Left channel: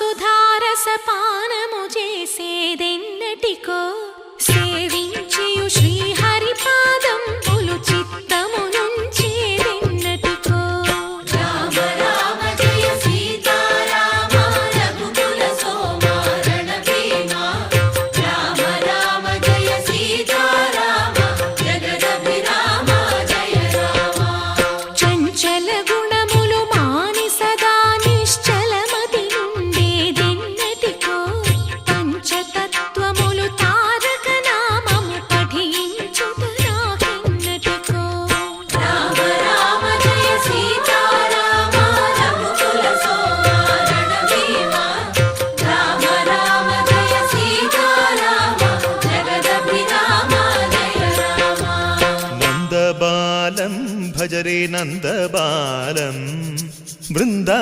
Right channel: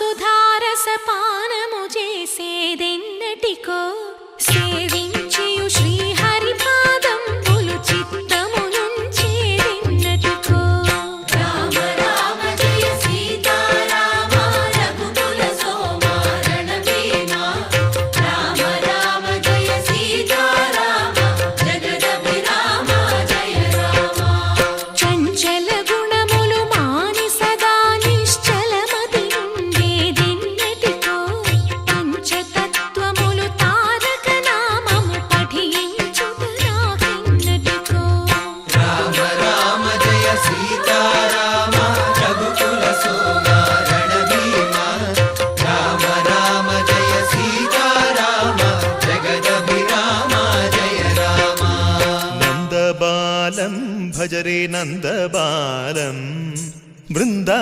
సుధారసపానము చేసేదెన్నటికో సేవించియు శ్రీహరి పాదంబులు చిత్తము నుంచేదెన్నటికో రామ రామ జయ సీతారామ రఘుకుల సోమ రణభీమ రామ రామ జయ సీతారామ జగదభిరామ జయ రామ చంచల గుణములు మాని సదా నిశ్చలమతి నుండేదెన్నటికో పంచతత్వములు తారక నామము పఠించుట నాకెన్నటికో రామ రామ జయ సీతారామ రఘుకుల సోమ రణభీమ రామ రామ జయ సీతారామ జగదభిరామ జయ రామ నందబాలం భజరే నందబాలం బృందా